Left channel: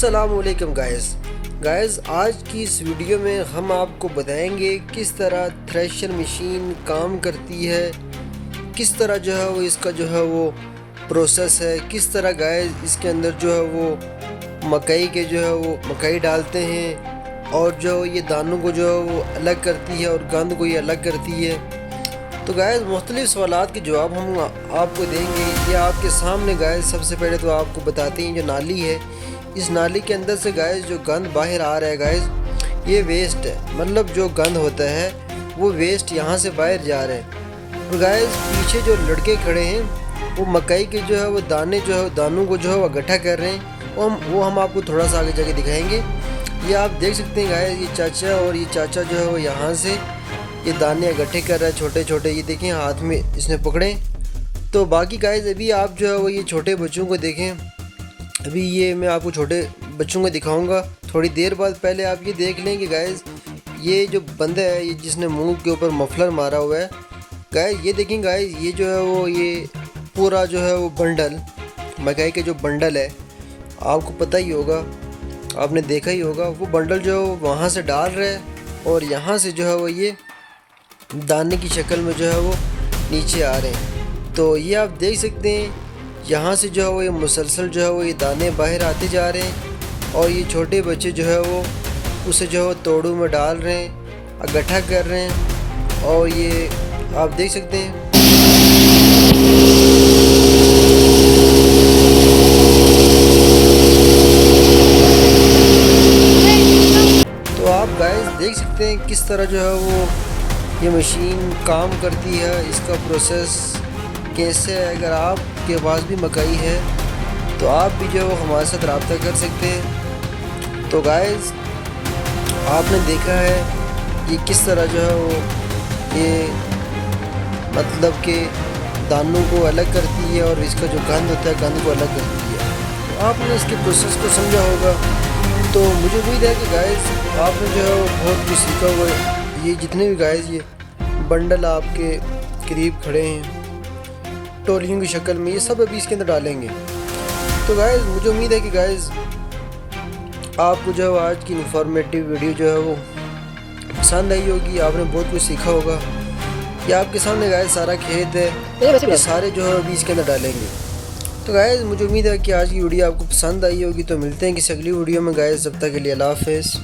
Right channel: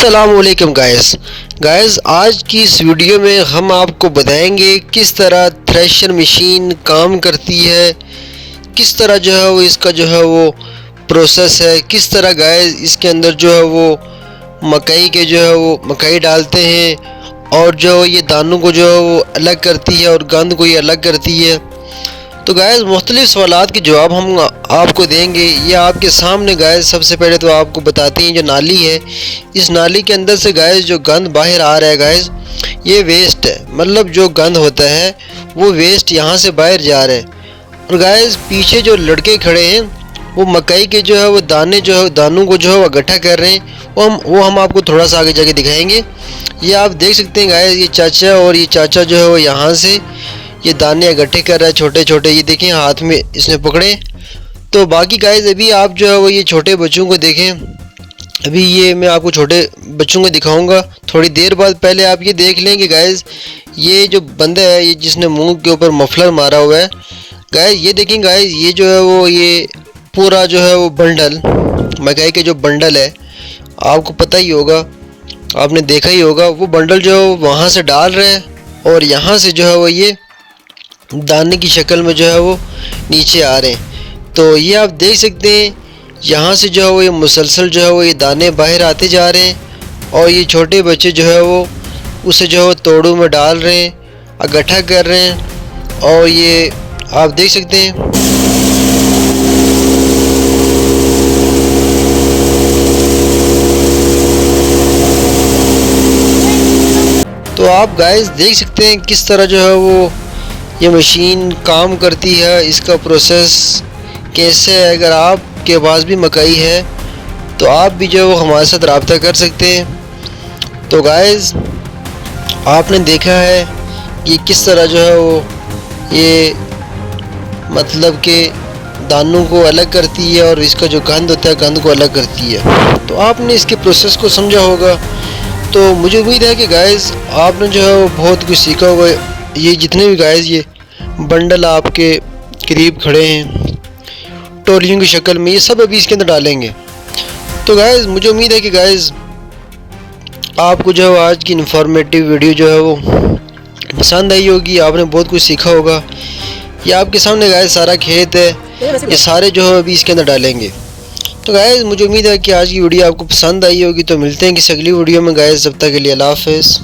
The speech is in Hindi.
अस्सलामुअलैकुम गाइस आज की इस वीडियो में हम आपको बताएंगे किस तरह थ्रेशर मशीन काम करती है, किस तरह जो है वो इसका जो है वो प्रोसेस है, किस तरह गाइस इसके अंदर जो है वो मकई के जो है वो मकई डालते हैं और जो ये दानों को जो है वो अलग करती है और गंद को ये अलग करती है। तो गाइस मुख्तलिफ सवालात के जवाब हम आपको देंगे। ये आपके सामने गाइस सबसे पहले तो आपको बताते हैं जो नाली है, इस नाली के अंदर से गाइस जो गंद बाहर आ रहा है गाइस ये वेस्ट है, मतलब जो गंद होता है वो वेस्ट यहाँ से बाहर जा रहा है। और गाइस पीछे जो लड़के खड़े हैं वो मकई के जो है वो दानों को जो है वो इकट्ठा कर रहे हैं, वो हम आपको थोड़ा सा आगे जाके दिखाएंगे। ये आप देख सकते हैं गाइस, ये चाचा और ये चाचा जो है वो यहाँ से ये दाने इकट्ठे कर रहा है छोटे छोटे, ये देखें हाथ में इसने पकड़े। तो बाकी गाइस अभी आप जो है वो ये छोटे बच्चों को देखें, अभी ये मैं आपको छोटे बच्चों को दिखाऊंगा थोड़ी देर बाद। पहले आप ये देख लें कि गाइस ये जो बंदा है ये जिसने मुंह के ऊपर मफलर मारा हुआ है गाइस, ये देखें गाइस ये जो है वो ये पूरा जो है वो बंडल मकई के जो बंडल है आपको पता ही होगा, आपने देखा ही होगा, वो बंडल जो है वहाँ से डाल रहे हैं और यहाँ से जो है वो ये दाने की शक्ल में जो है वो नीचे आ रहे हैं। तो ये आप देख सकते हैं यहाँ से जो है वो ये मुसलसल जो है वो ये दाने बाहर आते जा रहे हैं और ये छोटे बच्चे जो है वो उसे जो है वो तोड़ों में डाल रहे हैं, इकट्ठा कर रहे हैं और ये आप देख सकते हैं। तो आप गाइस देख सकते हैं किस तरह जो है वो ये मशीन काम करती है, इसका प्रोसेस कैसे है। अगर आपके पास भी मकई है तो आप भी जो है वो हमारे साथ रब्ता कर सकते हैं। तो गाइस आपने देखा है कि किस तरह जो है वो ये मतलब के दानों को अलग करती है और इसका जो गंद होता है गंद को अलग करती है। तो आपने इसके प्रोसेस को समझा होगा। तो मुझे उम्मीद है कि गाइस आपने जो है वो बहुत कुछ सीखा होगा। ये जितने भी गाइस ये बंडल आपके करीब खड़े हैं टोलियों की शक्ल में, ये सब अभी इसके अंदर डालेंगे। तो गाइस मुझे उम्मीद है कि गाइस आपको जो है आज की इन्फॉर्मेटिव वीडियो जो है वो पसंद आई होगी, आपने बहुत कुछ सीखा होगा। ये आपके सामने गाइस सारा खेत है, ये सारे जो है अभी इसके अंदर डालेंगे। तो गाइस मुझे उम्मीद है कि आज की वीडियो आपको पसंद आई होगी। तो मिलते हैं किसी अगली वीडियो में गाइस, जब तक के लिए अल्लाह हाफ़िज़।